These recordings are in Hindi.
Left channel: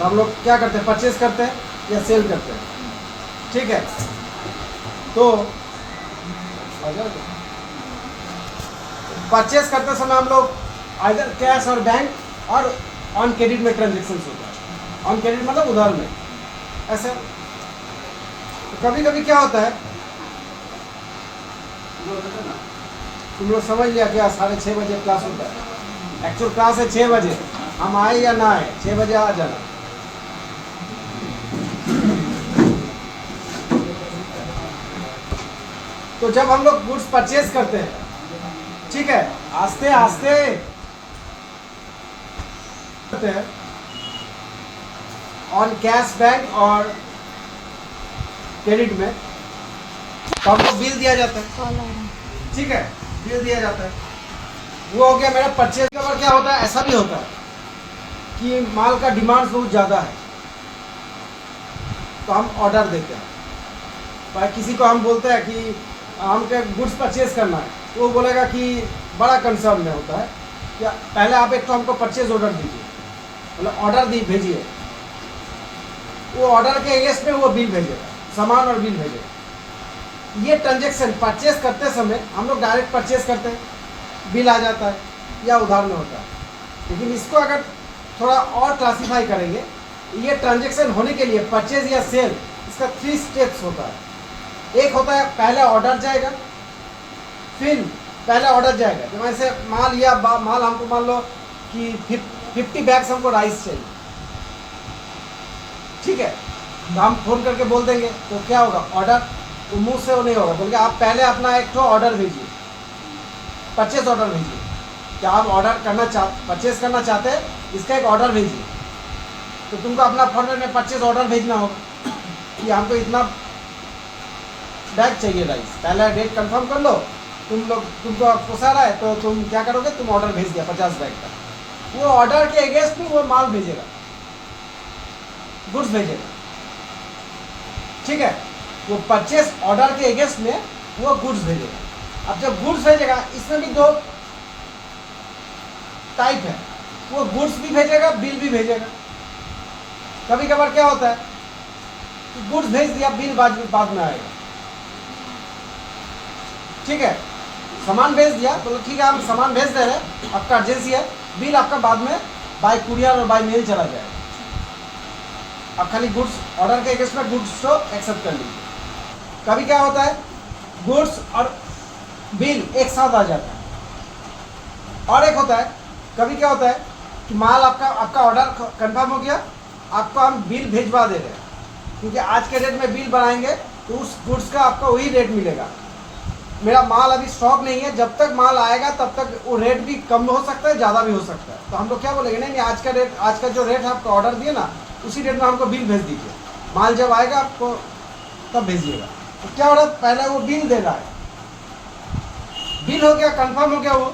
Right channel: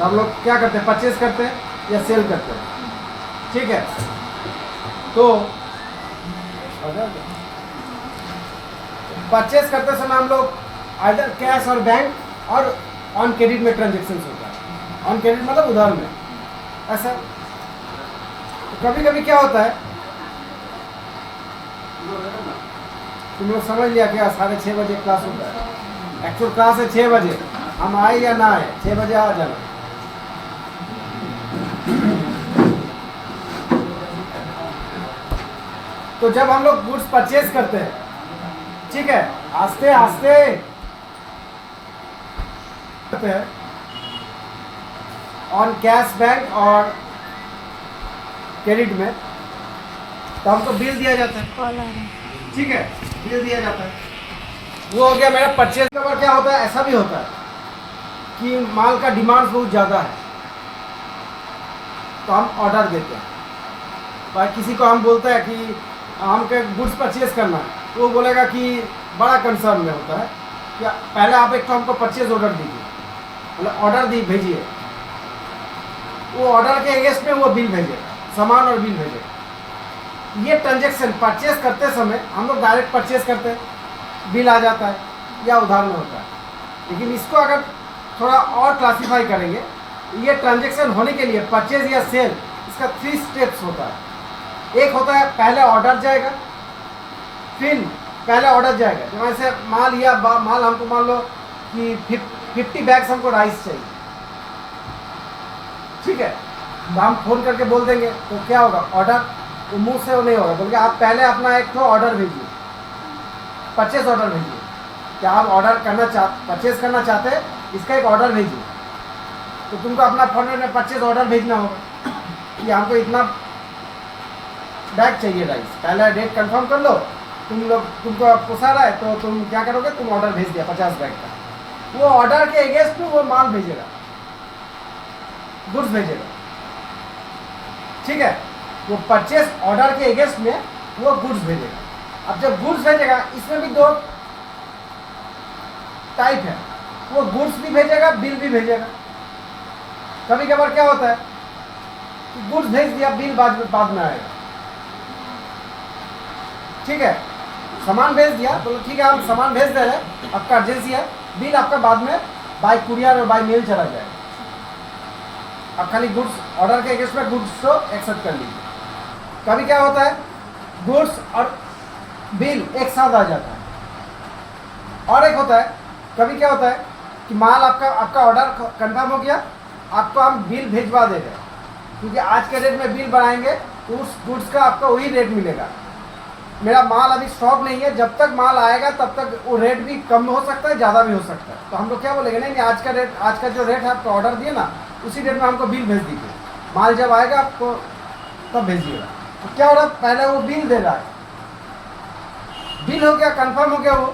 तो हम लोग क्या करते हैं, परचेज करते हैं या सेल करते हैं, ठीक है। तो परचेज करते समय हम लोग आइदर कैश और बैंक और ऑन क्रेडिट में ट्रांजेक्शन होता है। ऑन क्रेडिट मतलब उधार में ऐसा। कभी कभी क्या होता है, तुम लोग समझ लिया क्या, 6:30 बजे क्लास होता है, एक्चुअल क्लास है 6 बजे, हम आए या ना आए 6 बजे आ जाना। तो जब हम लोग गुड्स परचेज करते हैं, ठीक है, आस्ते आस्ते करते हैं ऑन कैश बैंक और क्रेडिट में, तो हमको बिल दिया जाता है, कॉल आ रहा है। ठीक है, बिल दिया जाता है। वो हो गया मेरा परचेज का। और क्या होता है, ऐसा भी होता है कि माल का डिमांड बहुत ज़्यादा है तो हम ऑर्डर देते हैं। भाई किसी को हम बोलते हैं कि हमको गुड्स परचेज करना है, तो वो बोलेगा कि बड़ा कंसर्न में होता है कि पहले आप एक तो हमको परचेज ऑर्डर दीजिए, मतलब ऑर्डर दी भेजिए, वो ऑर्डर के अगेंस्ट में वो बिल भेजेगा, सामान और बिल भेजेगा। ये ट्रांजेक्शन परचेज करते समय हम लोग डायरेक्ट परचेज करते हैं, बिल आ जाता है या उधार में होता है। लेकिन इसको अगर थोड़ा और क्लासीफाई करेंगे, ये ट्रांजेक्शन होने के लिए परचेज या सेल, इसका 3 स्टेप्स होता है। एक होता है पहले ऑर्डर जाएगा, फिर पहले ऑर्डर जाएगा, जैसे माल या माल हमको मान लो कि 50 बैग्स हमको राइस चाहिए, ठीक है, तो हम फोन करके बोल देंगे, तो क्या होगा, ऑर्डर वो मुंह से वो नहीं होगा, बल्कि आप पहले अपना एक तो ऑर्डर भेजिए, परचेज ऑर्डर भेजिए। क्या आप ऑर्डर करना परचेज करना चाहते हैं, इसका एक ऑर्डर भेजिए। तो तुमको अपना फॉर्मेट में परचेज ऑर्डर भेजना होगा कि हमको इतना बैग चाहिए राइस, पहले डेट कंफर्म कर लो, तुमको पोसा रहा है तो तुम क्या करोगे, तुम ऑर्डर भेज दिया 50 बैग का, वो ऑर्डर के अगेंस्ट में वो माल भेजेगा, गुड्स भेजेगा, ठीक है। वो परचेज ऑर्डर के अगेंस्ट में वो गुड्स भेजेगा। अब जब गुड्स भेजेगा, इसमें भी 2 टाइप है, वो गुड्स भी भेजेगा, बिल भी भेजेगा। कभी कभार क्या होता है कि गुड्स भेज दिया, बिल बाद में आएगा, ठीक है, सामान भेज दिया तो ठीक है, हम सामान भेज दे रहे हैं, आपका अर्जेंसी है, बिल आपका बाद में बाय कुरियर और बाय मेल चला जाएगा। अब खाली गुड्स ऑर्डर के अगेंस्ट में गुड्स को एक्सेप्ट कर लीजिए। कभी क्या होता है, गुड्स और बिल एक साथ आ जाता है। और एक होता है, कभी क्या होता है कि माल आपका ऑर्डर कंफर्म हो गया, आपको हम बिल भेजवा दे रहे हैं, क्योंकि आज के रेट में बिल बनाएंगे तो उस गुड्स का आपका वही रेट मिलेगा। मेरा माल अभी स्टॉक नहीं है, जब तक माल आएगा तब तक वो रेट भी कम हो सकता है, ज़्यादा भी हो सकता है। तो हम लोग क्या बोलेंगे, नहीं आज का रेट, आज का जो रेट है आपका ऑर्डर दिए ना, उसी रेट में हमको बिल भेज दीजिए, माल जब आएगा आपको तब भेजिएगा। तो क्या हो रहा है, पहले वो बिल दे रहा है, बिल हो गया, कंफर्म हो गया, वो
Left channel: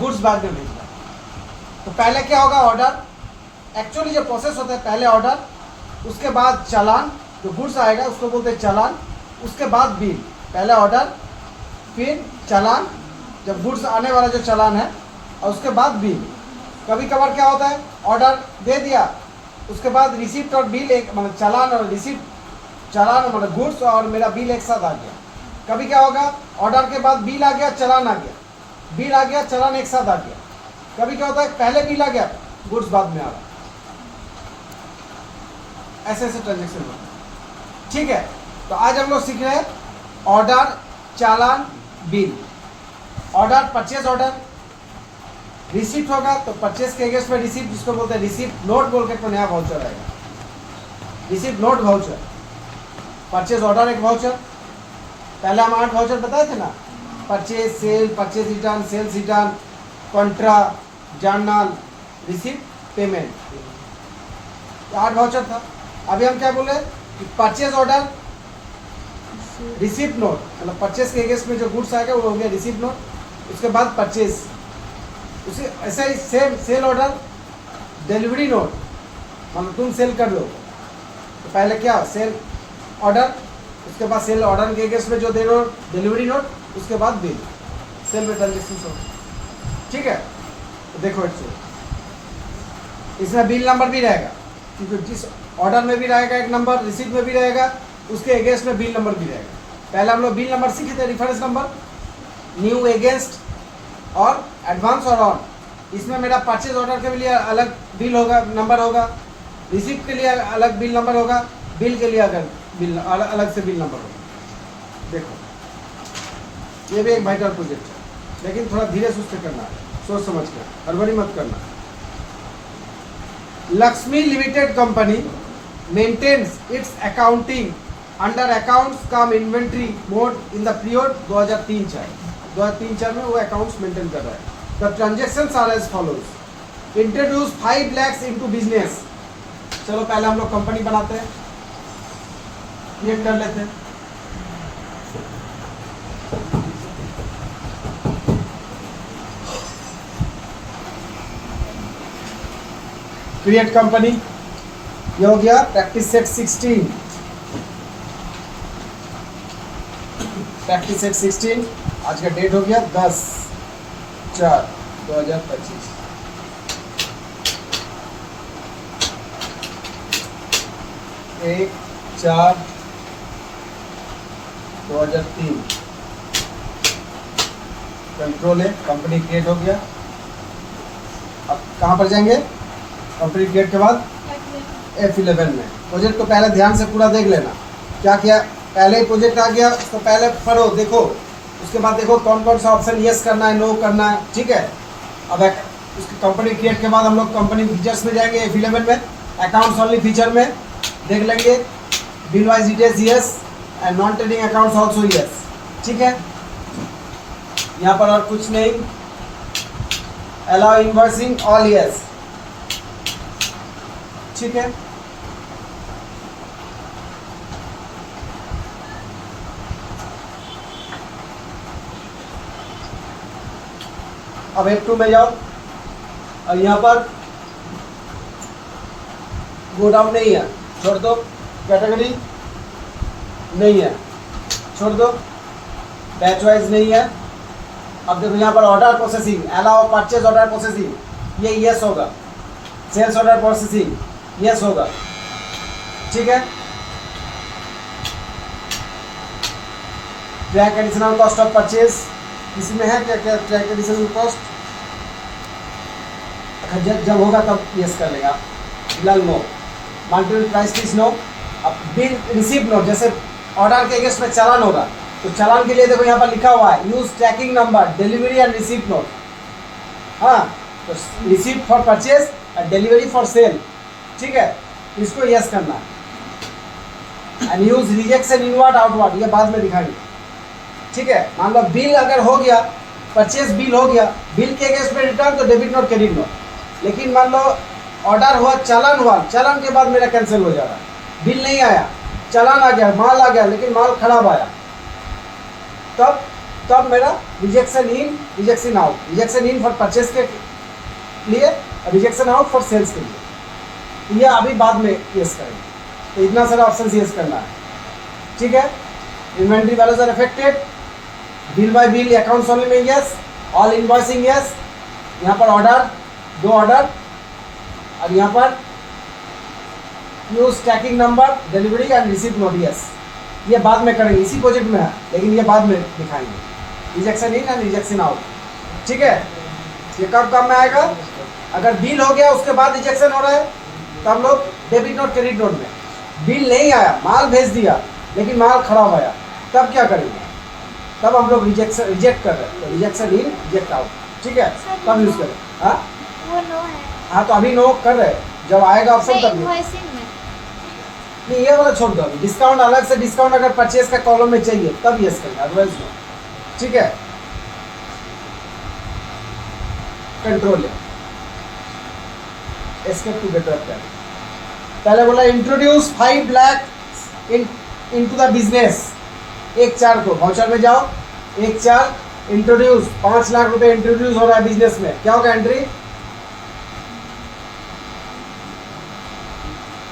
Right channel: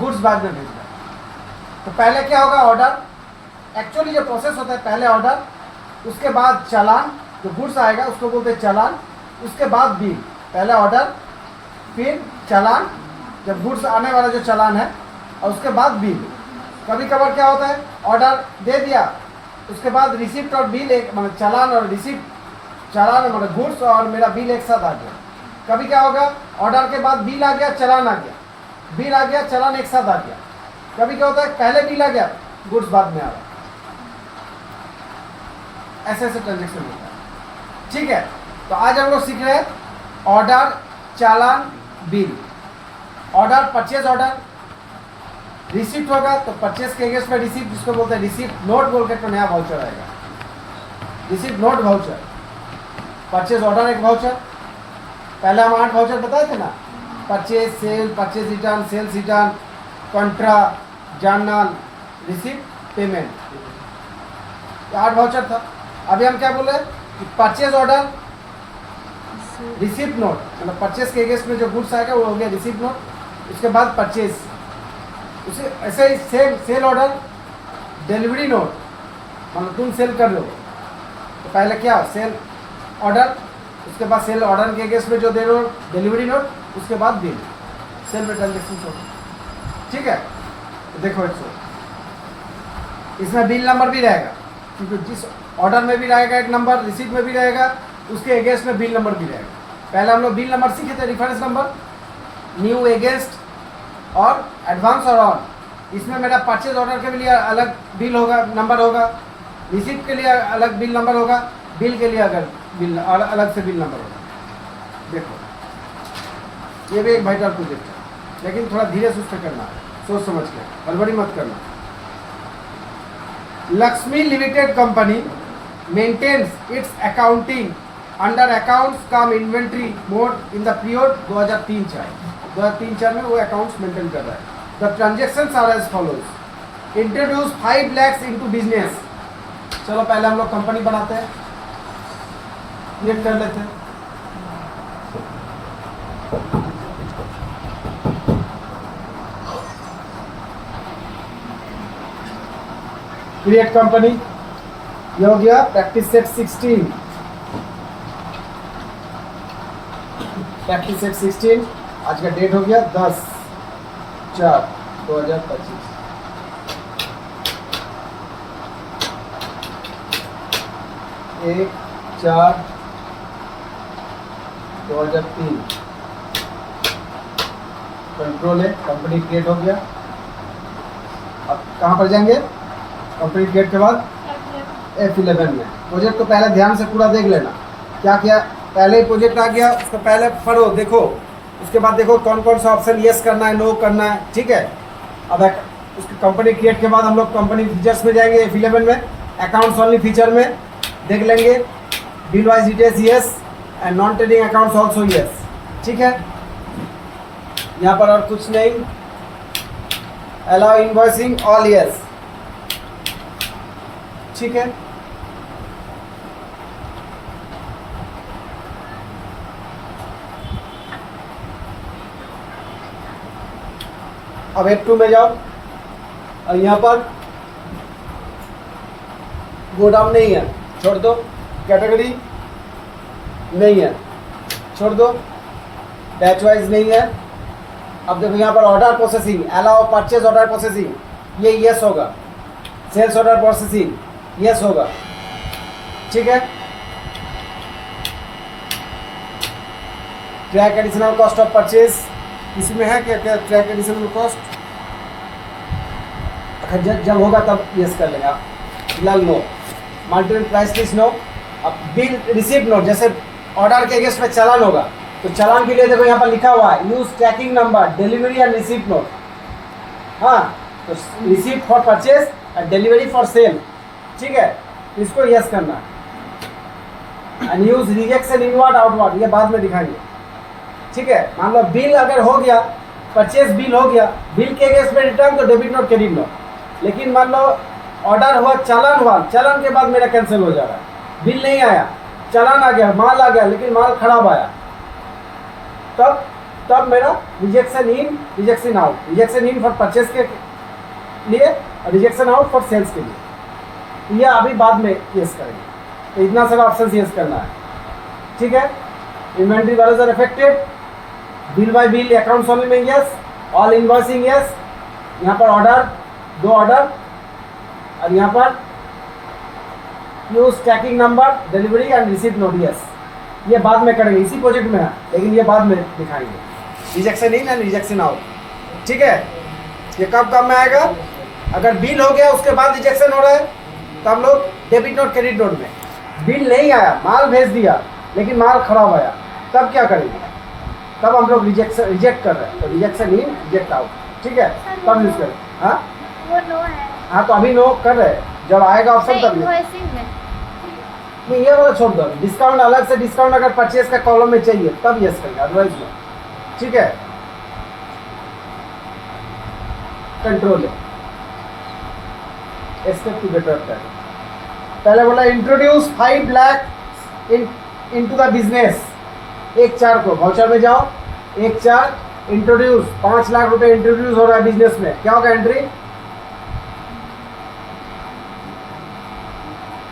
गुड्स बाद में भेज रहा है। तो पहले क्या होगा, ऑर्डर, एक्चुअली जो प्रोसेस होता है, पहले ऑर्डर, उसके बाद चालान, जो गुड्स आएगा उसको बोलते हैं चालान, उसके बाद बिल, पहले ऑर्डर फिर चालान, जब गुड्स आने वाला जो चालान है, और उसके बाद बिल। कभी कभार क्या होता है, ऑर्डर दे दिया, उसके बाद रिसिप्ट और बिल एक, मतलब चालान और रिसिप्ट, चालान मतलब गुड्स और मेरा बिल एक साथ आ गया। कभी क्या होगा, ऑर्डर के बाद बिल आ गया, चालान आ गया, बिल आ गया, चालान एक साथ आ गया। कभी क्या होता है, पहले बिल आ गया, गुड्स बाद में आ रहा, ऐसे ऐसे ट्रांजेक्शन होता है, ठीक है। तो आज हम लोग सीख रहे हैं ऑर्डर, चालान, bill. Order, purchase order, receipt होगा तो परचेज के अगेंस्ट में रिसिप्ट, जिसको बोलते हैं रिसिप्ट नोट बोल के, तो नया वाउचर आएगा, receipt note voucher. Purchase order एक वाउचर, पहले हम 8 वाउचर बताए थे ना, purchase, sale, purchase return, sales return, contra, journal, receipt, payment, 8 voucher था। अभी हम क्या बोले कि परचेज ऑर्डर, रिसिप्ट नोट, मतलब परचेज के अगेंस्ट में जो गुड्स आएगा वो हो गया रिसिप्ट नोट, उसके बाद परचेज, उसे ऐसे ही सेल ऑर्डर, डिलीवरी नोट, मतलब तुम सेल कर लो तो पहले क्या, सेल ऑर्डर, उसके बाद सेल ऑर्डर के अगेंस्ट में जो दे रहे हो डिलीवरी नोट, उसके बाद बिल, सेल में ट्रांजेक्शन हो, ठीक है। तो देखो इट्स इसमें बिल नंबर भी रहेगा, क्योंकि जिस ऑर्डर में भी रहेगा एक नंबर, रिसीट में भी रहेगा, उसके अगेंस्ट में बिल नंबर भी रहेगा। पहले हम लोग बिल नंबर सीखे थे, रेफरेंस नंबर, न्यू, अगेंस्ट और एडवांस और ऑन। इसमें मेरा परचेज ऑर्डर के लिए अलग बिल होगा, नंबर होगा, रिसीट के लिए अलग बिल नंबर होगा, बिल के लिए अगर बिल अलग से बिल नंबर होगा। देखो ये भी एक वाइटल प्रोजेक्ट है, लेकिन थोड़ा धीरे सुस्ते करना है, सोच समझ कर, हड़बड़ी मत करना। Lakshmi limited company maintains its accounting under accounts cum inventory mode in the period 2003-4 में वो अकाउंट्स मेंटेन कर रहा है। The transactions are as follows. Introduce 5 lakhs into business. चलो पहले हम लोग कंपनी बनाते हैं, क्रिएट कर लेते हैं। क्रिएट कंपनी, ये हो गया प्रैक्टिस सेट 16। प्रैक्टिस सेट 16 आज का डेट हो गया 10/4/2025। एक 4/2003 कंट्रोल है, कंपनी क्रिएट हो गया। अब कहाँ पर जाएंगे? कंपनी क्रिएट के बाद F11 में। प्रोजेक्ट को पहले ध्यान से पूरा देख लेना, क्या क्या पहले ही प्रोजेक्ट आ गया, उसको पहले पढ़ो, देखो, उसके बाद देखो कौन कौन सा ऑप्शन यस करना है, नो करना है, ठीक है। अब उसकी कंपनी क्रिएट के बाद हम लोग कंपनी फीचर्स में जाएंगे, F11 में अकाउंट्स ओनली फीचर में देख लेंगे, bill wise details yes and non trading accounts also yes, ठीक है। यहाँ पर और कुछ नहीं, अलाउ इनवॉइसिंग ऑल यस, ठीक है। अब F2 में जाओ और यहाँ पर गोडाउन नहीं है, छोड़ दो, कैटेगरी नहीं है, छोड़ दो, बैच वाइज नहीं है। अब देखो यहाँ पर order processing, allow purchase order processing, ये यस होगा, सेल्स ऑर्डर प्रोसेसिंग यस होगा, ठीक है। Track additional cost of purchase इसमें है क्या? क्या ट्रैक एडिशनल कॉस्ट जब होगा तब यस कर लेगा, फिलहाल no. Multiple price list no. अब बिल रिसीप्ट नो, जैसे ऑर्डर के अगेंस्ट में चालान होगा तो चालान के लिए देखो यहाँ पर लिखा हुआ है use tracking number, delivery and receipt note. हाँ, तो receipt for purchase and delivery for sale, ठीक है, इसको यस करना है। And use rejection inward outward, ये बाद में दिखाएंगे, ठीक है। मान लो बिल अगर हो गया, परचेज बिल हो गया, बिल के अगेंस्ट में रिटर्न तो डेबिट नोट क्रेडिट नोट। लेकिन मान लो ऑर्डर हुआ, चालान हुआ, चालान के बाद मेरा कैंसिल हो जा रहा है, बिल नहीं आया, चालान आ गया, माल आ गया, लेकिन माल खराब आया, तब मेरा rejection in, rejection out. Rejection in for purchase के लिए और रिजेक्शन आउट फॉर सेल्स के लिए, ये अभी बाद में यस करेंगे। तो इतना सारा ऑप्शन यस करना है, ठीक है। Inventory values are affected, bill by bill accounts only में यस, ऑल इनवॉइसिंग यस, यहाँ पर ऑर्डर, 2 ऑर्डर, और यहाँ पर use tracking number, delivery and receipt note yes, ये बाद में करेंगे, इसी प्रोजेक्ट में है, लेकिन ये बाद में दिखाएंगे। Rejection in and rejection out, ठीक है। ये कब काम में आएगा? अगर बिल हो गया उसके बाद रिजेक्शन हो रहा है तो हम लोग डेबिट नोट क्रेडिट नोट में, बिल नहीं आया, माल भेज दिया लेकिन माल खराब आया, तब क्या करेंगे? तब हम लोग रिजेक्ट कर रहे हैं, तो रिजेक्शन इन, रिजेक्ट आउट, ठीक है, तब यूज करें। हाँ वो नो है, हाँ, तो अभी नो कर रहे हैं, जब आएगा ऑप्शन तब इनवॉइसिंग में नहीं, ये वाला छोड़ दो। डिस्काउंट अलग से, डिस्काउंट अगर परचेज का कॉलम में चाहिए तब यस करेंगे, अदरवाइज नो, ठीक है। कंट्रोल है, एस्केप टू बेटर प्लान। पहले बोला introduce 5 lakh into the business. 1/4 को वाउचर में जाओ, 1/4 इंट्रोड्यूस, 5 लाख रुपए इंट्रोड्यूस हो रहा है बिजनेस में, क्या होगा एंट्री?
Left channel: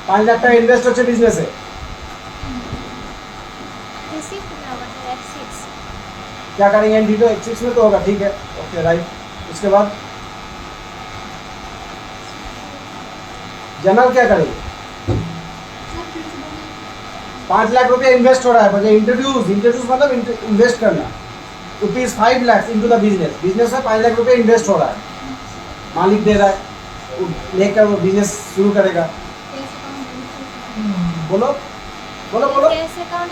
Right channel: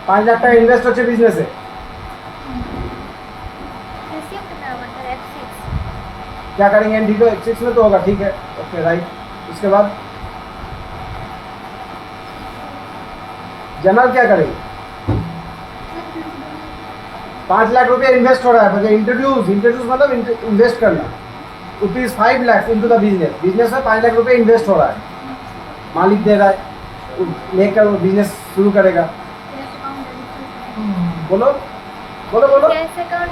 5 लाख का इन्वेस्ट हो बिजनेस है, रिसीप्ट नंबर F6 क्या करेंगे? एंट्री तो F6 में तो होगा, ठीक है, ओके राइट। उसके बाद जनरल क्या करेगी? 5 लाख रुपया इन्वेस्ट हो रहा है, मतलब इंट्रोड्यूस मतलब इन्वेस्ट करना। Rupees 5 lakh into the business में 5 लाख रुपया इन्वेस्ट हो रहा है, मालिक दे रहा है, लेकर वो बिजनेस शुरू करेगा। बोलो बोलो बोलो। कैश अकाउंट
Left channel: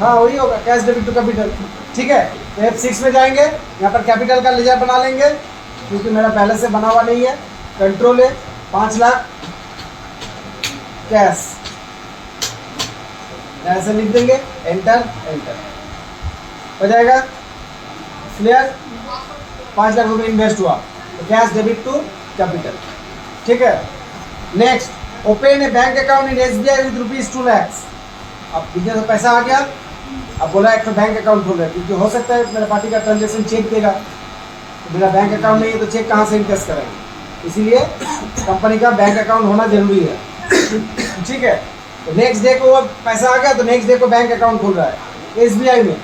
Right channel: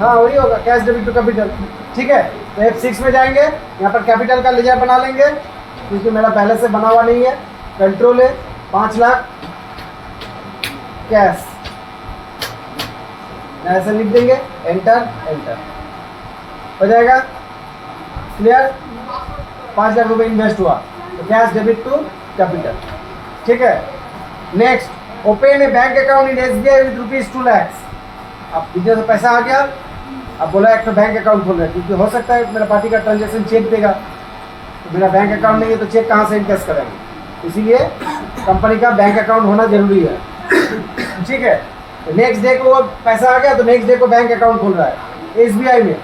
हाँ वही होगा, कैश डेबिट टू कैपिटल। ठीक है, तो F6 में जाएंगे, यहाँ पर कैपिटल का लेजर बना लेंगे, क्योंकि मेरा पहले से बना हुआ नहीं है। कंट्रोल है, 5 लाख कैश, ऐसे लिख देंगे, एंटर एंटर हो जाएगा। क्लियर? 5 लाख रुपए इन्वेस्ट हुआ, तो कैश डेबिट टू कैपिटल। ठीक है, next open a bank account in SBI with rupees 2 lakh. अब बिजनेस में पैसा आ गया, अब बोला एक तो बैंक अकाउंट खोल रहे, क्योंकि हो सकता है मेरा पार्टी का ट्रांजेक्शन चेक देगा, तो मेरा बैंक अकाउंट नहीं है तो चेक कहाँ से इनकेस करेंगे, इसीलिए कंपनी का बैंक अकाउंट होना जरूरी है। ठीक है, तो नेक्स्ट डे को पैसा आ गया, तो नेक्स्ट डे को बैंक अकाउंट खोल रहा है SBI में।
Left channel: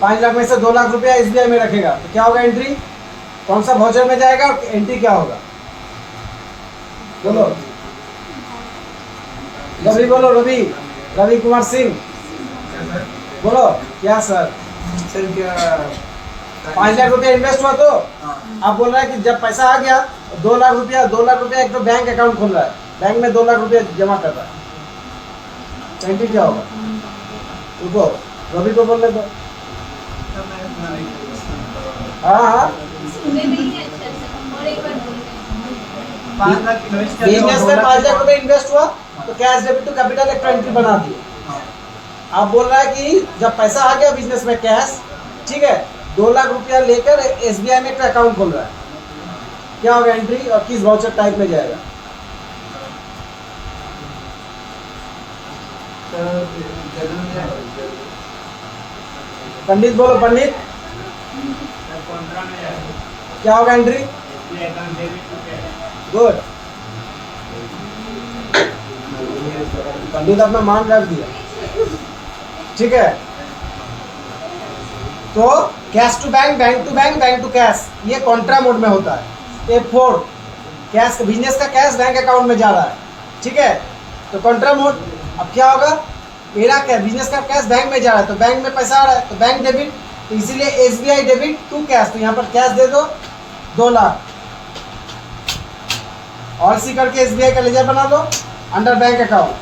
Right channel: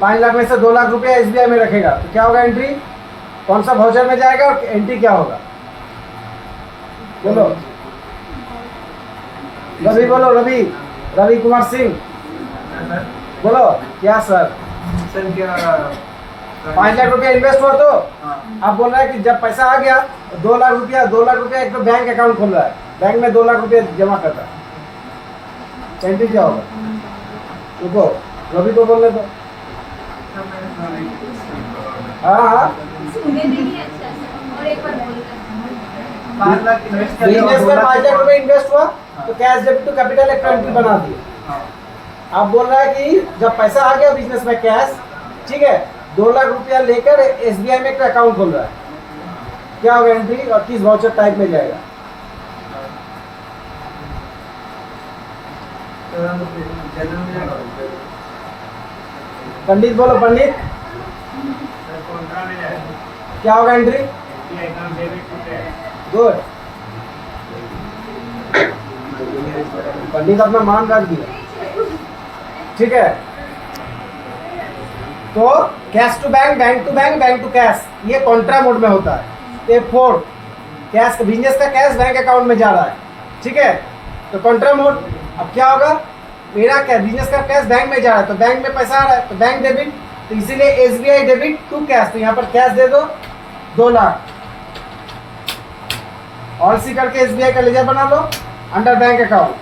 5 लाख में से 2 लाख रुपया SBI में रखेगा, तो क्या होगा एंट्री, कौन सा वाउचर में जाएगा और एंट्री क्या होगा? बोलो रवि, बोलो रवि कुमार सिंह, बोलो क्या सर? सर क्या 5 लाख रुपया इन्वेस्ट हुआ, तो आप बोल रहे हैं कि जब पैसा आ गया 2 लाख रुपया एक तो बैंक अकाउंट खोल रहा है, बैंक में 2 लाख रुपया जमा कर रहा है, एंट्री क्या होगा? रुको रवि को बोलने दो। हाँ बिजनेस में 5 लाख रुपए इन्वेस्ट हुआ, तो कैश डेबिट टू कैपिटल एक एंट्री बना दी। आप बोल रहा है कि जब पैसा आ गया बिजनेस में कैश, ठीक है, 2 लाख रुपया लेकर SBI में एक अकाउंट खोल रहा है, क्या होगा एंट्री और किस वाउचर टाइप में जाएगा? पंडित बोलो, पंडित क्या होगा एंट्री? गुड, पंडित अपना मान रख दिया। ठीक है, तो cash to bank, bank to bank, bank to cash, ये कॉन्ट्रा मोड में होता है। F4 कैश, बिजनेस का कैश बैंक अकाउंट में जा रहा है। ठीक है, तो कॉन्ट्रा मोड। अब क्या होगा, मेरा क्या बिजनेस का कैश बैंक में जा रहा है, तो बैंक में पैसा आ रहा है, तो बैंक डेबिट, तो इसीलिए SBI डेबिट टू कैश, तो यहाँ पर कैश दे दो 2 लाख, और सी करके SBI का लेजर बना दो अंडर बैंक अकाउंट।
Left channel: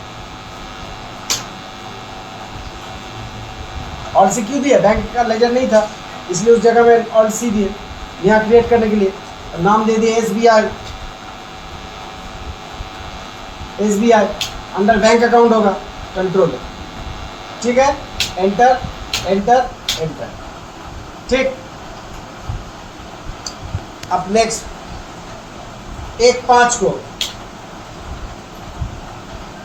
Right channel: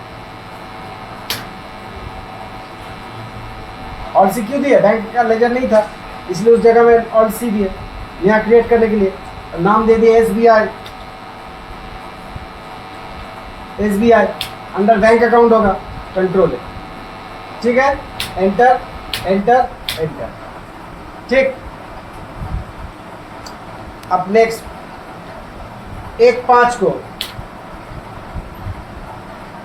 और सी क्यों दिया, बैंक का लेजर नहीं था इसलिए उस जगह में और सी दिए, यहाँ क्रिएट करने के लिए नाम दे दिए SBI अंडर बैंक अकाउंट होगा, कंट्रोल है। ठीक है, एंटर एंटर एंटर। ठीक, अब नेक्स्ट 1/5 को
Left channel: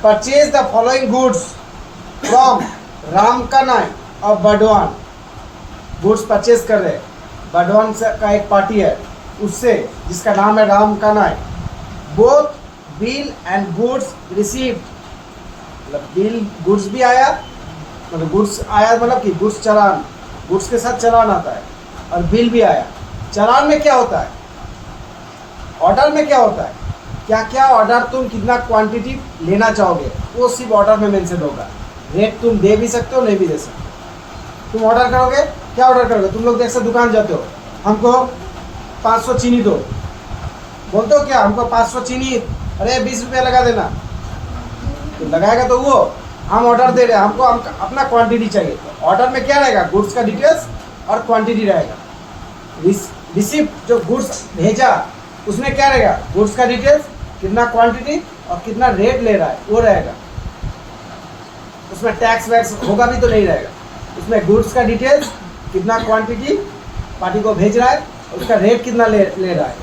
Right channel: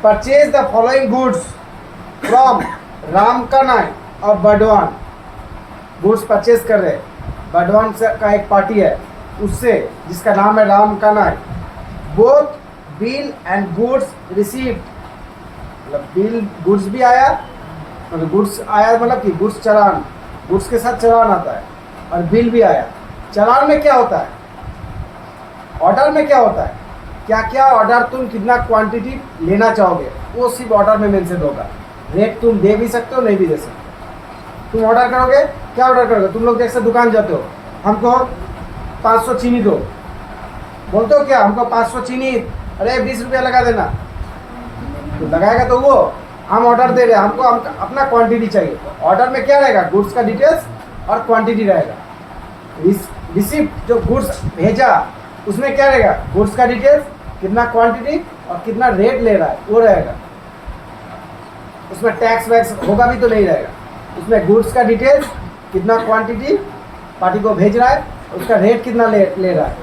purchase the following goods from Ramkanai और बडवान। गुड्स परचेज कर रहे, बडवान से का एक पार्टी है उससे, जिसका नाम है Ramkanai. Both bill and goods received, मतलब बिल गुड्स भी आया, मतलब गुड्स आया मतलब कि गुड्स चालान, गुड्स के साथ चालान आता है, और बिल भी आया। चालान में क्या होता है, ऑर्डर में क्या होता है, क्या क्या ऑर्डर तुम कितना क्वांटिटी लेना चाहोगे वो सिर्फ ऑर्डर में मेंशन होगा। रेट तुम दे भी सकते हो, नहीं भी दे सकते। तुम ऑर्डर करोगे, क्या ऑर्डर करोगे, तुम लोग जैसे दुकान जाते हो, हमको 500 चीनी दो, बोलते हो क्या, हमको 500 चीनी, अरे 20 रुपया लगा देना, तो लगाएगा तो वो हम ऑर्डर दे रहे हैं, हमको अपना क्वांटिटी चाहिए। ऑर्डर में क्या रहेगा, गुड्स का डिटेल्स और क्वांटिटी रहेगा। रिसिप्ट जो गुड्स भेजा उसमें क्या रहेगा, गुड्स का डिटेल्स, कितना क्वांटिटी और कितना रेट ले रहा है वो रहेगा। उसमें टैक्स वैक्स होगा भी तो नहीं रहेगा। उसमें गुड्स का डिटेल्स, कितना क्वांटिटी पार्टी को भेज रहा है, उसका रेट कितना ले रहा है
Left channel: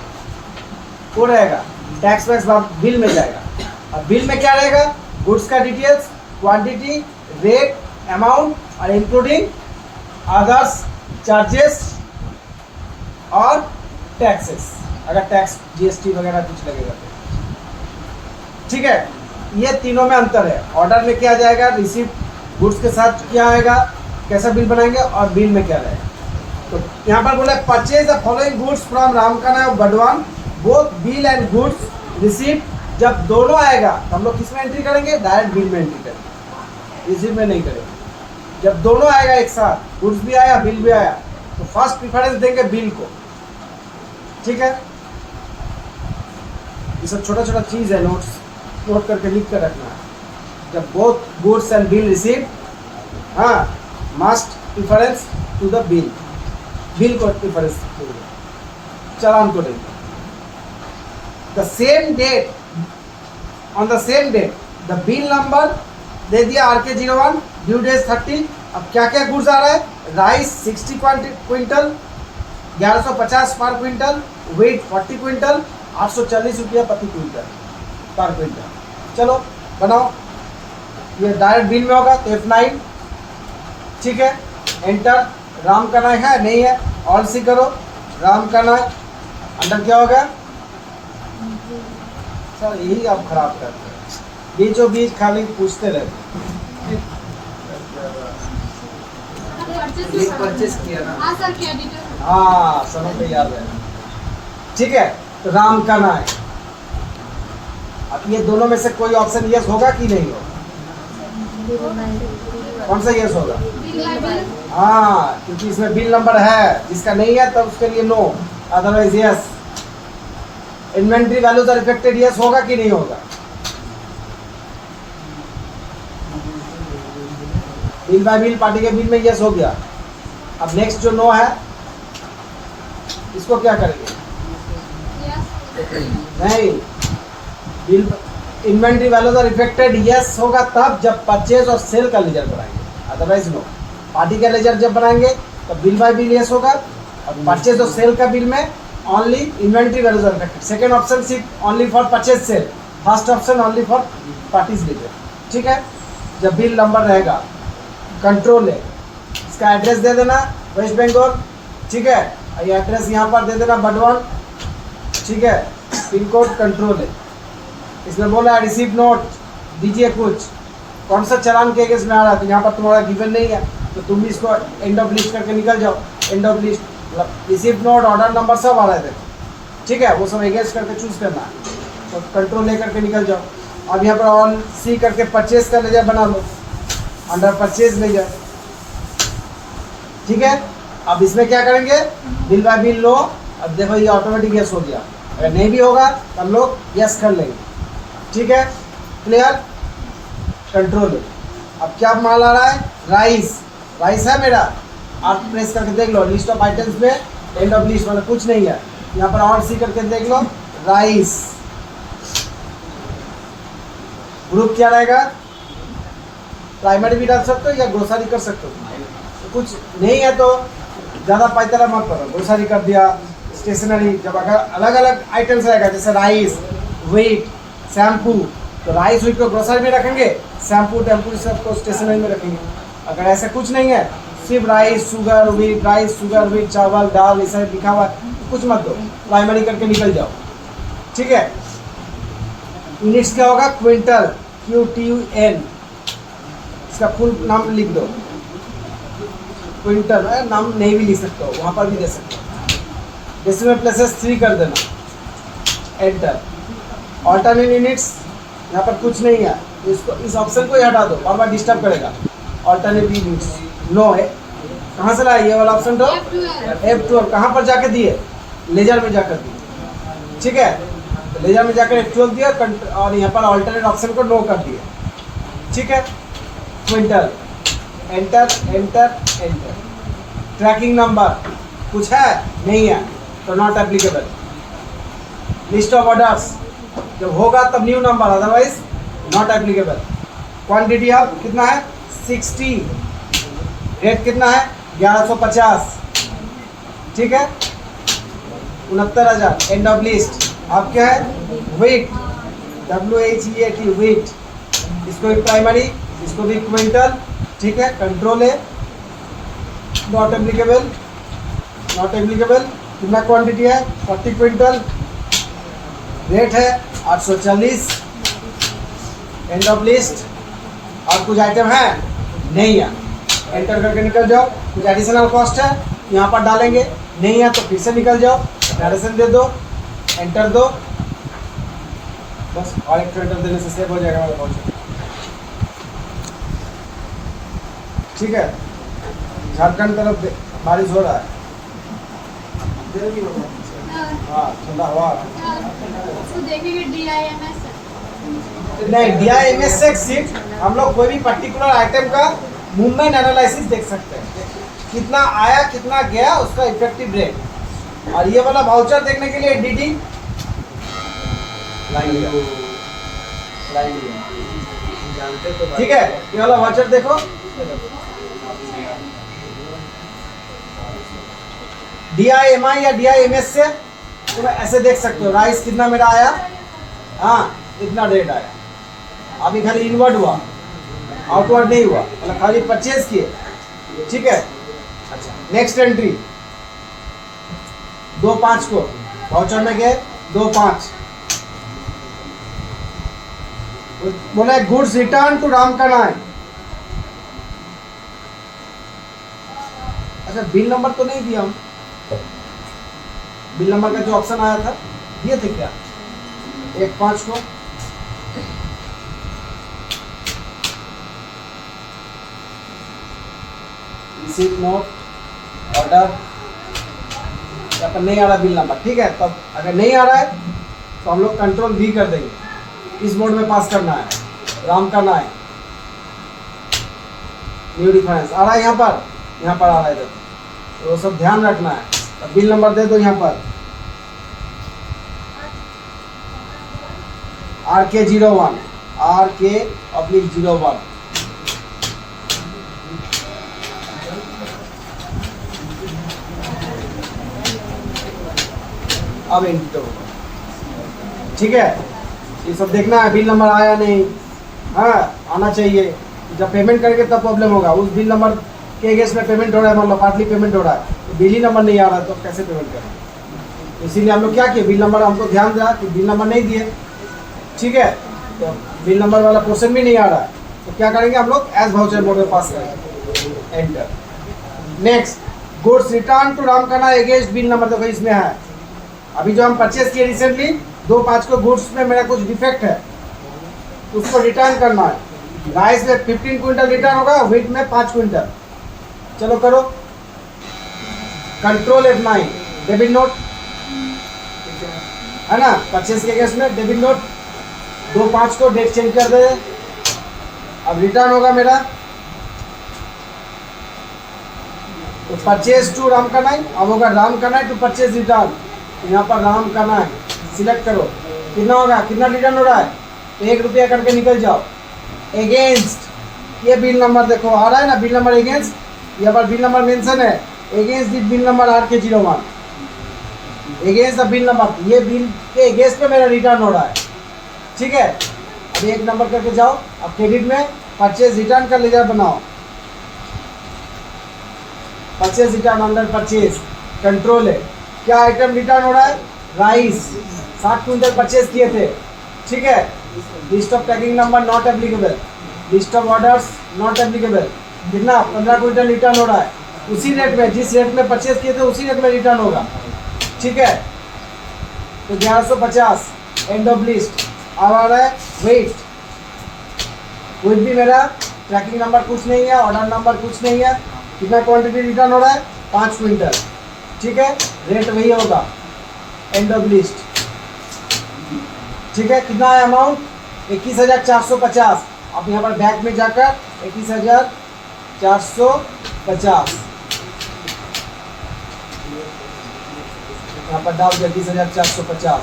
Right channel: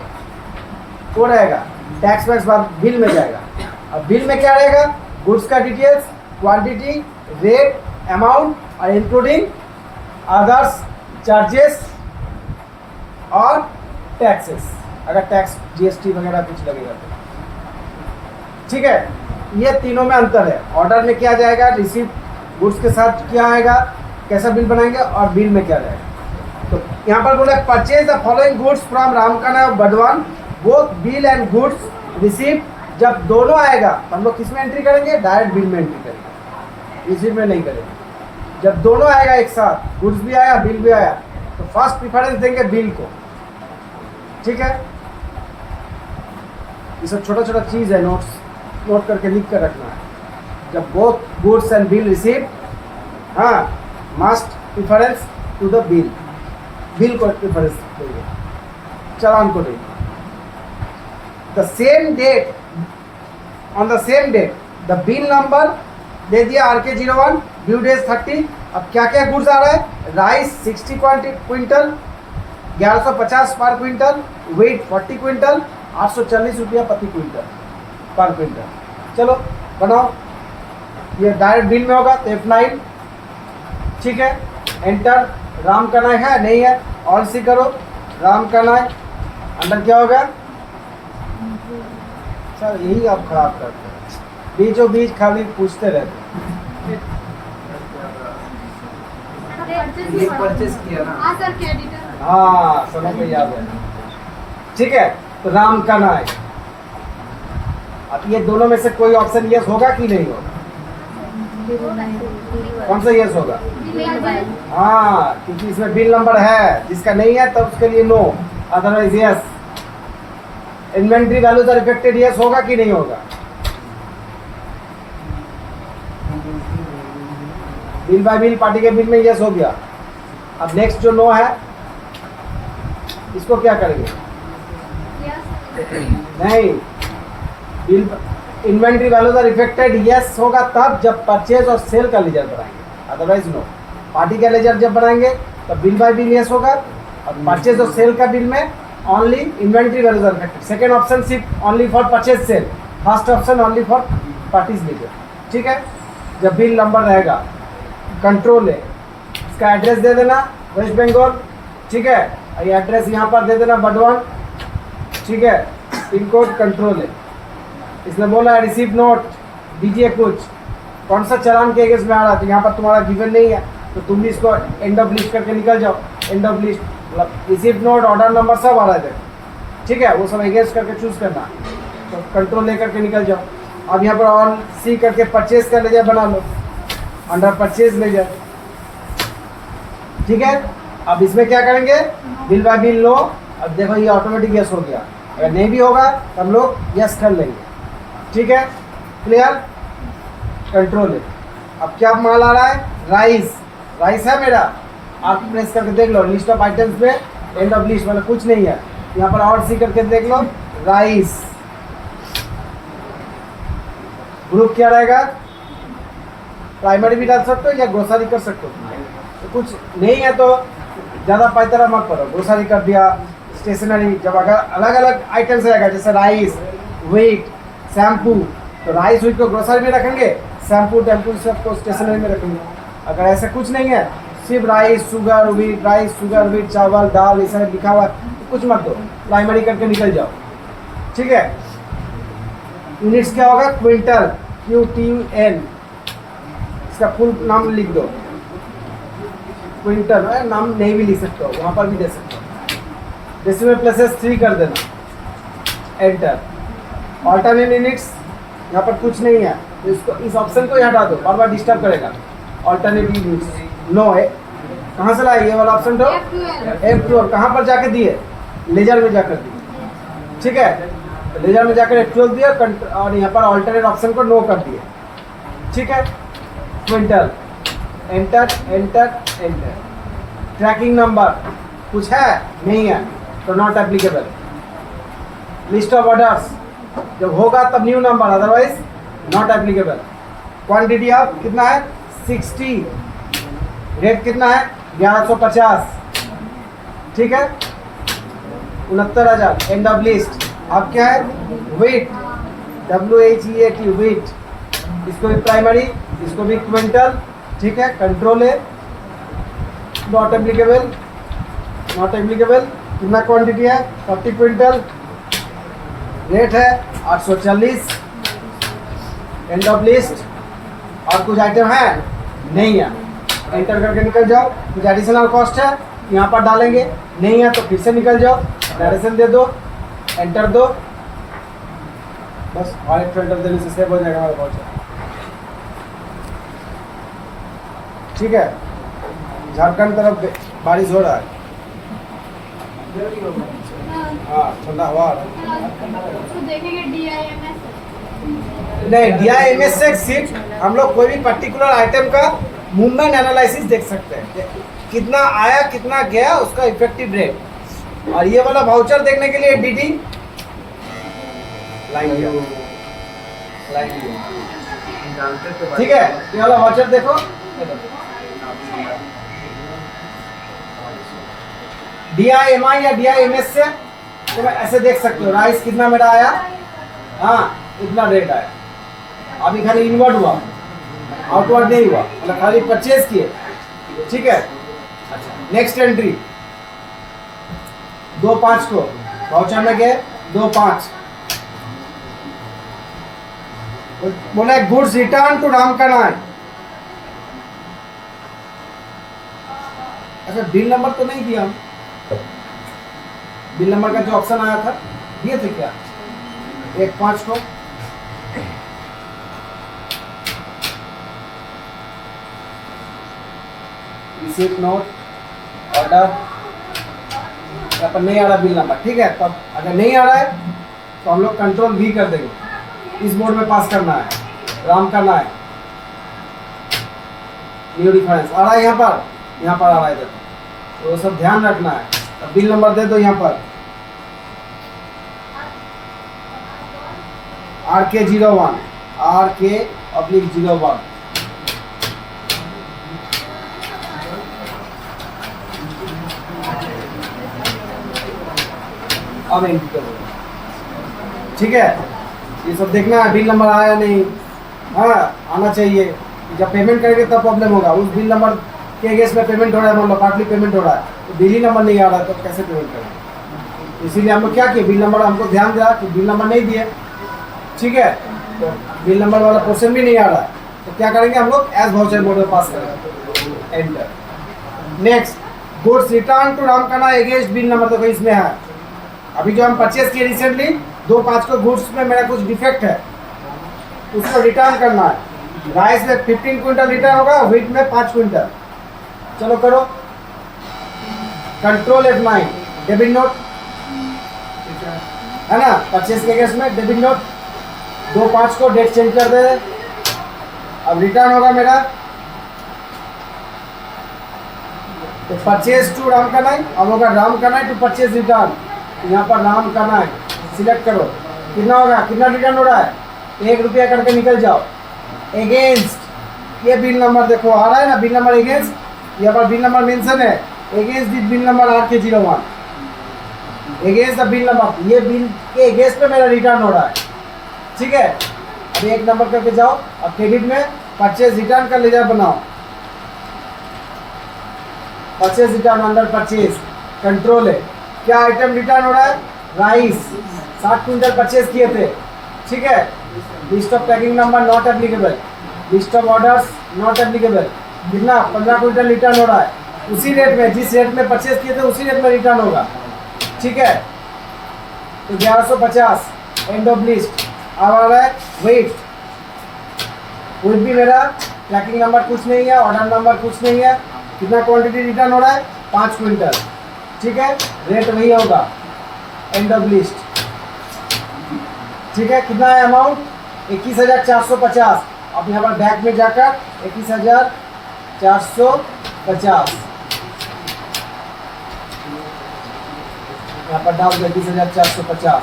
वो रहेगा। टैक्स वैक्स बिल में जाएगा। अब बिल में क्या रहेगा, गुड्स का डिटेल्स, क्वांटिटी, रेट, अमाउंट और इंक्लूडिंग अदर्स चार्जेस और टैक्सेस, अगर टैक्स GST वगैरह कुछ लगेगा तो। ठीक है, ये तीनों में अंतर है। ऑर्डर में क्या जाएगा, रिसीप्ट गुड्स के साथ क्या आएगा, कैसा बिल बनाएंगे, और बिल में क्या रहेगा। तो यहाँ पर बोला purchase the following goods from Ramkanai और Badwan, both bill and goods receipt जब दोनों आएगा तो हम लोग किस में एंट्री करेंगे? डायरेक्ट बिल में एंट्री करेंगे, इसी में नहीं करेंगे। जब दोनों आएगा एक साथ, गुड्स भी आया बिल भी आया, तो फर्स्ट प्रिफरेंस देंगे बिल को। ठीक है, ये सब छोटा छोटा चीज है, नोट करके लिख कर रखना है। जब both goods and bill receive, हाँ, must preference to the bill, bill को प्रिफरेंस देंगे, चालान को देंगे। The same date, on the same date the bill number दे दिया RK01, ड्यू डेज 30। अब क्या क्या गुड्स आ रहा है? राइस 60 क्विंटल, 1150 पर क्विंटल, वेट 40 क्विंटल, 840 रुपया प्रति क्विंटल पर क्विंटल। चलो बनाओ, ये डायरेक्ट बिल में होगा तो F9। ठीक है, एंटर। राम का नाम है नहीं है, और सी करो, राम का नाम अंदर क्या होगा? सर यही आप खराब करते हैं, बीचों बीच खाली पूछते रहते हैं। परचेस किया ना। हाँ सर, क्रेडिटर। हाँ, समय पे याद है। ठीक है, तो राम का नाम। अब ये दोनों में से कोई ऑप्शन यस होगा कि नहीं होगा? कौन सा यस होगा? हाँ, क्योंकि इसमें बिल नंबर है, जिसका नहीं है तब उसके लिए no, otherwise yes. Inventory values are affected, yes होगा कि नहीं होगा? बिल बाय बिल, पार्टी के बिल में यस हो गया। अब नेक्स्ट जो नो है, इसको क्या करेंगे? नहीं, bill inventory values are affected, yes होगा तब जब परचेज और सेल का लेजर बनाएंगे, अदरवाइज नो। पार्टी का लेजर जब बनाएंगे तब बिल बाय बिल यस होगा, और परचेज और सेल का बिल में only inventory values are affected. Second option सिर्फ only for purchase sale, first option only for parties ledger. ठीक है, जब बिल नंबर रहेगा, कंट्रोल है, इसका एड्रेस दे देना वेस्ट बंगाल। ठीक है, ये एड्रेस यहाँ पर दे देना बडवान। ठीक है, पिन कोड कंट्रोल है। इसमें बोला रिसीव नोट दीजिए कुछ, कौन सा चालान के अगेंस्ट में आ रहा है, तो यहाँ पर तुम्हारा गिवन नहीं है, तो तुम भी इसको एंड ऑफ लिस्ट करके निकल जाओ। And of list, receive note, order number सब आ रहा है। ठीक है, वो सब अगेंस्ट करके चूज करना, तो कंट्रोल लेकर के निकल जाओ। अब यहाँ पर ऑन सी करके परचेज का लेजर बना लो, अंडर परचेज लेजर। ठीक है, अब इसमें क्या करेंगे? बिल बाय बिल लो। अब देखो ये ऑटोमेटिक यस हो गया, अगर नहीं भी होगा तो हम लोग यस कर लेंगे। ठीक है, क्लियर? कंट्रोल है। अब क्या माल आ रहा है? राइस, राइस है मेरा, आप प्रेस करके देख लो, लिस्ट ऑफ आइटम्स में एंड ऑफ लिस्ट मतलब कुछ नहीं है, यहाँ पर और सी करके देख लो, राइस। ग्रुप क्या रहेगा? प्राइमरी भी डाल सकते हो या ग्रोसरी कर सकते हो। तो कुछ नहीं है तो ज़्यादा पैतरा मत करो, ग्रोसरी कर दिया, स्टेशनरी। जब अगर अलग अलग आइटम्स रहेगा, जैसे राइस, व्हीट, शैम्पू, तो राइस व्हीट को ग्रोसरी में रखेंगे, शैम्पू टैम्पू सबको स्टेशनरी में रखेंगे। अगर ऐसा कुछ नहीं है, सिर्फ rice sugar wheat, rice sugar wheat, चावल दाल, ये सब लिखा हुआ, कुछ मत दो, प्राइमरी करके निकल जाओ। ठीक है, यूनिट्स क्या होगा? क्विंटल, QTN, इसका फुल नाम लिख दो। क्विंटल है, नाम नहीं भी लिख सकते हो, वहाँ पर भी दे सकते हो। डेसिमल प्लेसेस 3 कर देना, एंटर। ऑल्टरनेट यूनिट्स, यहाँ पर कुछ नहीं है, तो इसको, इस ऑप्शन को ही हटा दो, बार बार डिस्टर्ब करेगा। ऑल्टरनेट यूनिट्स नो है, कहाँ से लाए ये वाला ऑप्शन? तो F12 कहाँ पर जाके दिए? लेजर में जाकर दिए। ठीक है, तो लेजर में जाकर F12 दिया, और यहाँ पर ऑल्टरनेट ऑप्शन को नो कर दिए। ठीक है, quintal, enter enter enter. Tracking number कुछ है? नहीं है, तो not applicable. List of orders जब होगा तब new number, otherwise not applicable. Quantity of कितना है? 60। रेट कितना है? 1150। ठीक है, 69,000। End of list. अब क्या है? Wheat, WHEAT, wheat. इसको भी प्राइमरी, इसको भी क्विंटल। ठीक है, कंट्रोल है, नॉट एप्लीकेबल, नॉट एप्लीकेबल। कितना क्वांटिटी है? 40 क्विंटल। रेट है 840। And of list. और कुछ आइटम है? नहीं है, एंटर करके निकल जाओ। कुछ एडिशनल कॉस्ट है, यहाँ पर डालेंगे, नहीं है तो फिर से निकल जाओ, डायरेक्शन दे दो, एंटर दो। बस और एक फिल्टर देने से सेव हो जाएगा हमारा वाउचर। ठीक है, झारखंड तरफ बारिश हो रहा है। हाँ, ठंडा हवा आ रहा है। उसको देखेंगे DIMS नहीं, DIMS से सीट हम लोग कोई भी पर्टिकुलर आइटम का मूवमेंट एनालिसिस देख सकते हैं, कितना आया कितना गया उसका इफेक्टिव रेट। और ये वाला वाउचर देखने के लिए DD ठीक है, ये वाला वाउचर देखो, DIMI या DIMS से तो मैं ऐसे देख सकते हो राइस कितना मेरा आया, हाँ इतना रेट आया। अभी खाली इनवर्ड हुआ, आउटवर्ड नहीं हुआ, मतलब खाली परचेज किए। ठीक है, अच्छा नेक्स्ट एंट्री 2/5 को वाउचर में गए 2/5 बोला गुड्स रिटर्न टू रामकनाई। अच्छा बिल नंबर तो नहीं दिया हम, बिल नंबर का जो ऑप्शन आया था दिए थे क्या 1/5 को? रिसीट नोट ऑर्डर, यहाँ पर नहीं आ रहा बिल नंबर। ठीक है, तब अगर नहीं आ रहा है तो हम लोग कंट्रोल V कर देंगे, इस मोड में पास करना है, राम करना है। न्यू डिफरेंस आ रहा है यहाँ पर आ रहा है, तो वो सब ध्यान रखना है। अब बिल नंबर दे दो यहाँ पर RK01 RK/01। अब एंटर करो। ठीक है, ये सब देखना है, बिल नंबर आया नहीं, हाँ आना चाहिए। जब पेमेंट करेंगे तब प्रॉब्लम होगा। उस बिल नंबर के अगेंस्ट में पेमेंट हो रहा है, मतलब पार्टली पेमेंट हो रहा है, तो बिल ही नंबर नहीं आ रहा है तो कैसे पेमेंट करेंगे? इसीलिए हम लोग क्या किए, बिल नंबर हमको ध्यान दिया कि बिल नंबर नहीं दिए। ठीक है, तो बिल नंबर वाला क्वेश्चन भी नहीं आ रहा, तो क्या करेंगे हम लोग एज वाउचर मोड में पास करेंगे, enter. Next goods return to Ramkana against bill number, देखो इसमें है अभी जो हम परचेज किए रिसेंटली 2/5 को, गुड्स में मेरा कुछ डिफेक्ट है, उसको रिटर्न करना है। राइस में 15 क्विंटल रिटर्न होगा, व्हीट में 5 क्विंटल। चलो करो, कंट्रोल F9 डेबिट नोट है ना, परचेज के केस में डेबिट नोट 2/5 को डेट चेंज कर दे। अब रिटर्न होगा मेरा, तो परचेज टू रामकनाई, अब होगा रामकनाई टू परचेज रिटर्न। यहाँ पर रामकनाई सिलेक्ट करो, कितना होगा, कितना रिटर्न हो रहा है, 1 रुपया करके निकल जाओ। अगेंस्ट ये बिल नंबर देखो आ रहा है ना, बिल नंबर अगेंस्ट, यहाँ पर बिल नंबर मेंशन है, against the bill number RK01, against the bill number, ये बिल के अगेंस्ट पे मेरा रिटर्न हो रहा है। ठीक है, अब 1 नंबर करके जाओ, अब क्रेडिट में परचेज रिटर्न का लेजर बनाओ, purchase return under purchase control है, क्या आइटम रिटर्न हो रहा है, राइस 60 क्विंटल परचेज किए थे। ठीक है, list of packing number not applicable, list of orders not applicable, कितना 15 क्विंटल रिटर्न हो रहा है, उसी रेट में जिस रेट में परचेज किए थे उसी रेट में रिटर्न होगा। ठीक है, तो 1150 एंड ऑफ लिस्ट अब आ रहा है वेट, वेट भी मेरा ट्रैकिंग नंबर कुछ नहीं है, ऑर्डर नंबर कुछ नहीं है, कितना क्वांटिटी रिटर्न हो रहा है 5 क्विंटल। ठीक है, रेट वही होगा, एंड ऑफ लिस्ट। ठीक है, कितना है अमाउंट 21,450। अब यहाँ पर बैक में जाकर 21,450 यहाँ पर डाल 21,450।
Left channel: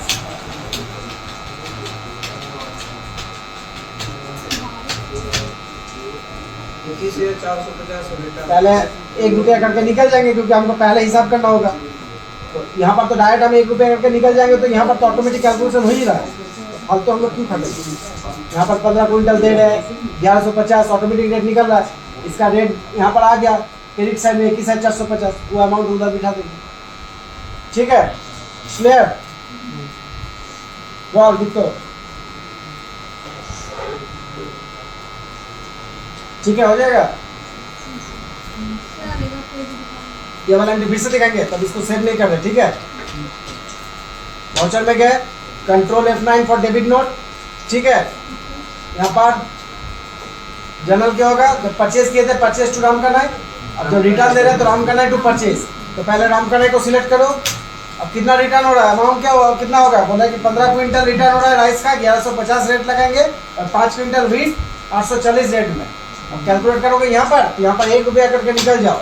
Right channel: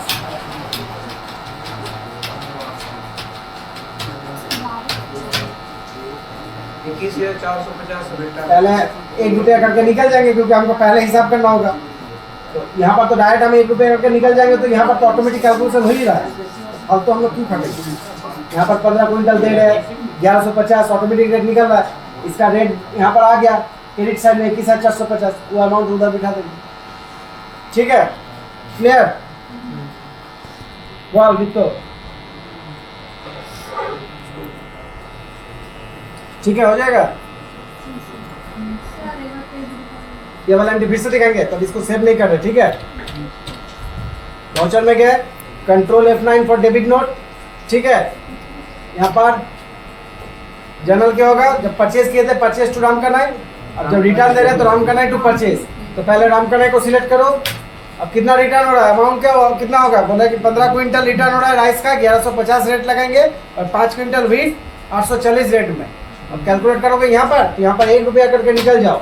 पहले 1 रुपया करके निकल जाएंगे क्योंकि हमको पहले हिसाब करना होगा, तो यहाँ पर तो डायरेक्ट हम 1 रुपया करके निकल जाएंगे, तो यहाँ पर तो ऑटोमेटिक कैलकुलेशन हो ही रहा है। अब तो हम लोग क्यों खटेंगे, यहाँ पर 15 क्विंटल दे रहे हैं, 1150 ऑटोमेटिक रेट निकल रहा है, इसका रेट यहाँ पर आ गया क्रेडिट साइड में 21,450, वो अमाउंट उधर बिठा देंगे। ठीक है, क्लियर, वाह लिखो। ठीक है, हो जाएगा। ये वाला एंट्री फिर से दिखाएंगे, तब इसको सेव नहीं कर रहे। ठीक है, वाउचर में गए, control F9 for debit note, ठीक है, यहाँ पर जनरल क्या होगा, जब परचेज किए थे परचेज टू राम कनाई, अब जब रिटर्न दे रहे हैं तो राम कनाई टू परचेज, तो पहले राम कनाई को सिलेक्ट करो। अब कितना रिटर्न हो रहा है, अमाउंट क्या हो, कितना होगा, बोला कि 15 क्विंटल रिटर्न हो रहा है राइस का, 1150 रेट लगाएंगे, और 5 क्विंटल व्हीट 840 रेट में। अब कैलकुलेट करोगे यहाँ पर 1 रुपया करके निकल जाओ,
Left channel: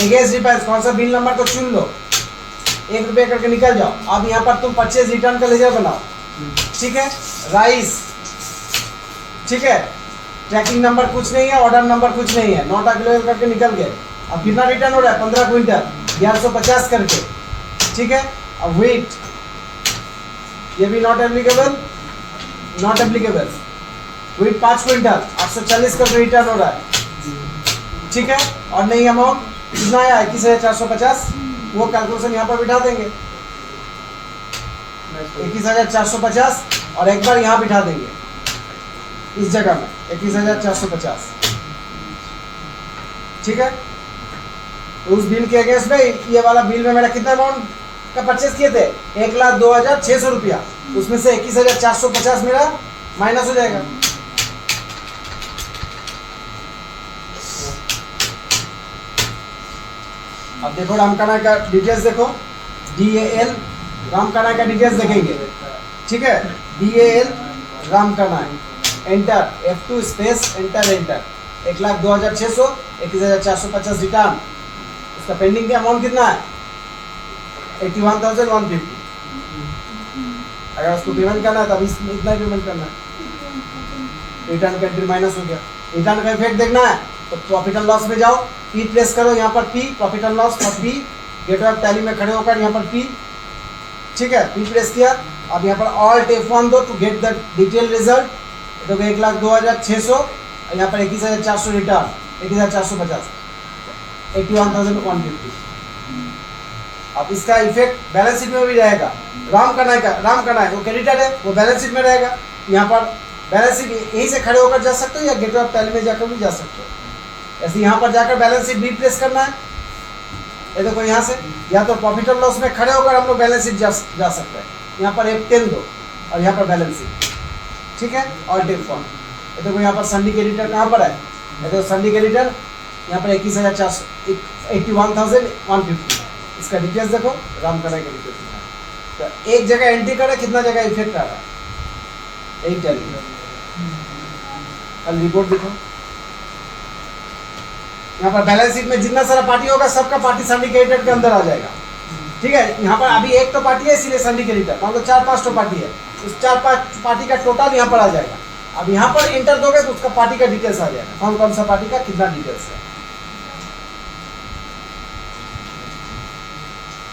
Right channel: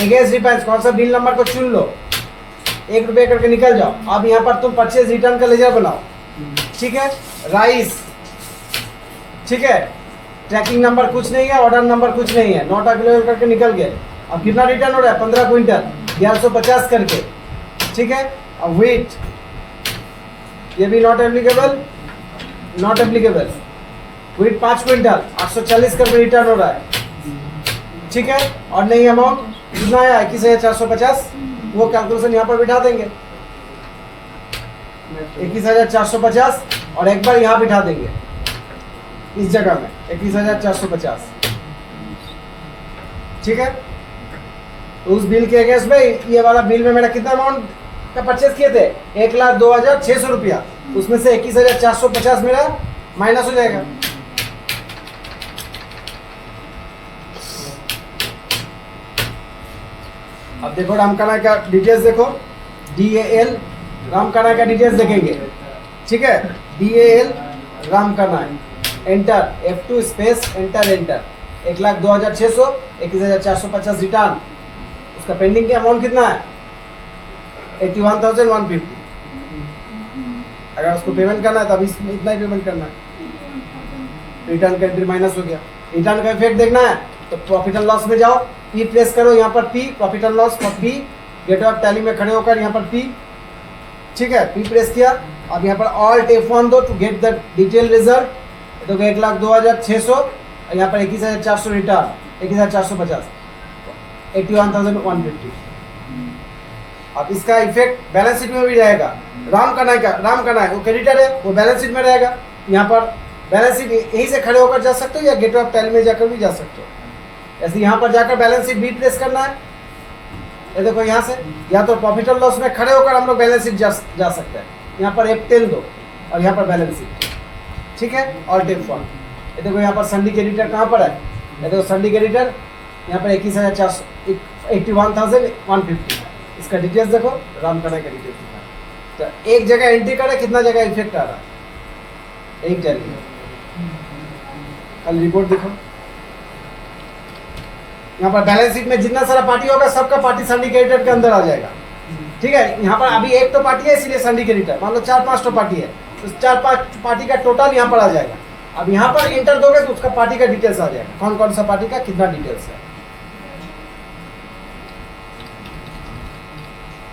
एगेंस्ट डिफेंस कौन सा बिल नंबर को चुन लो, 1 रुपया करके निकल जाओ। अब यहाँ पर तुम परचेज रिटर्न का लेजर बनाओ, ठीक है, राइस, ठीक है, ट्रैकिंग नंबर कुछ नहीं है, ऑर्डर नंबर कुछ नहीं है, नोट अवेलेबल करके निकल गए। अब कितना रिटर्न हो रहा है, 15 क्विंटल 1150 करके, ठीक है। अब वेट, ये भी not applicable, not applicable, wheat 5 quintal 840 करके रिटर्न हो रहा है, ठीक है। और नहीं अमाउंट कितना आया, 21,450, वो कैलकुलेशन यहाँ पर बिठा देंगे, 21,450, और एक बार यहाँ बिठा देंगे इस जगह में 21,450, ठीक है। उस बिल के अगेंस्ट में ये वाला बिल में मेरा कितना अमाउंट का परचेज किए थे, 1,02,600 रुपया, उसमें से 21,450 मेरा माइनस हो जाएगा। अब देखो रामकनाई का डिटेल्स देखो, DAL रामकनाई का डिटेल्स देखेंगे, ठीक है, DAL Ramkanai, enter F2 space enter, 1,02,600, 21,450 return, उसका पेंडिंग का अमाउंट कितना है, 81,150। अगर उसको पेमेंट करना है तब इतना ही पेमेंट करना है, रिटर्न कंट्री माइनस हो गया। रिटर्न का इफेक्ट देखना है तो प्रॉफिट एंड लॉस में जाओ, P प्लेस करो, यहाँ पर P प्रॉफिट एंड लॉस पर P, गेट ऑफ टैली में खड़े होकर यहाँ पर P, ठीक है, P प्रेस किया। अब यहाँ पर ऑल्ट F1 दो to get the detail result, तो 1,02,600, यहाँ पर 21,400 रिटर्न, 21,450, 81,150। अब इसका इफेक्ट बैलेंस शीट में भी रहेगा। रामकनाई वो क्रेडिटर है, वो बैलेंस शीट में रहेगा। यहाँ पर बैलेंस शीट यहीं से खड़े होकर जा सकते हो या गेटवे ऑफ टैली में जाकर भी जा सकते हो। ऐसे यहाँ पर जाकर बैलेंस शीट भी प्लेस करना है, ये देखो यहाँ से, या तो प्रॉफिट और लॉस में खड़े होकर हम लोग बैलेंस शीट जा सकते हैं। यहाँ पर F10 दो और यहाँ पर बैलेंस शीट, ठीक है, और डेट फॉर्म। ये देखो यहाँ पर संडी क्रेडिटर कहाँ पर है, ये देखो संडी क्रेडिटर यहाँ पर 21,400, 81,150। इसका डिटेल्स देखो, रामकनाई का डिटेल्स दिखा, तो एक जगह एंट्री करे, कितना जगह इफेक्ट आ रहा है, यही टेली। अब रिपोर्ट देखो, यहाँ पर बैलेंस शीट में जितना सारा पार्टी होगा सबका पार्टी संडी क्रेडिटर के अंदर आ जाएगा, ठीक है। यहाँ पर अभी एक तो पार्टी है इसीलिए संडी क्रेडिटर, मान लो 4-5 तो पार्टी है, उस 4-5 पार्टी का टोटल यहाँ पर आ जाएगा। अब यहाँ पर एंटर दोगे तो उसका पार्टी का डिटेल्स आ जाएगा, कौन कौन सा पार्टी का कितना डिटेल्स है,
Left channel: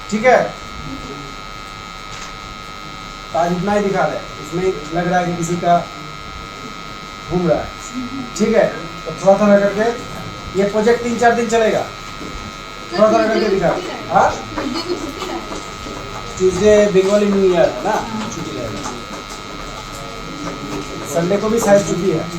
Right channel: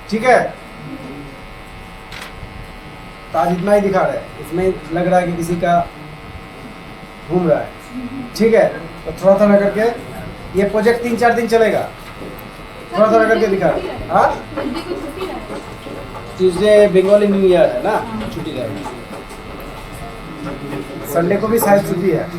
ठीक है। तो आज इतना ही दिखा रहा है, इसमें लग रहा है कि किसी का घूम रहा है, ठीक है। तो थोड़ा थोड़ा करके ये प्रोजेक्ट 3-4 दिन चलेगा, थोड़ा थोड़ा करके दिखा। हाँ, ट्यूसडे बंगाली न्यू ईयर है ना, छुट्टी रहेगी, संडे को भी शायद छुट्टी है।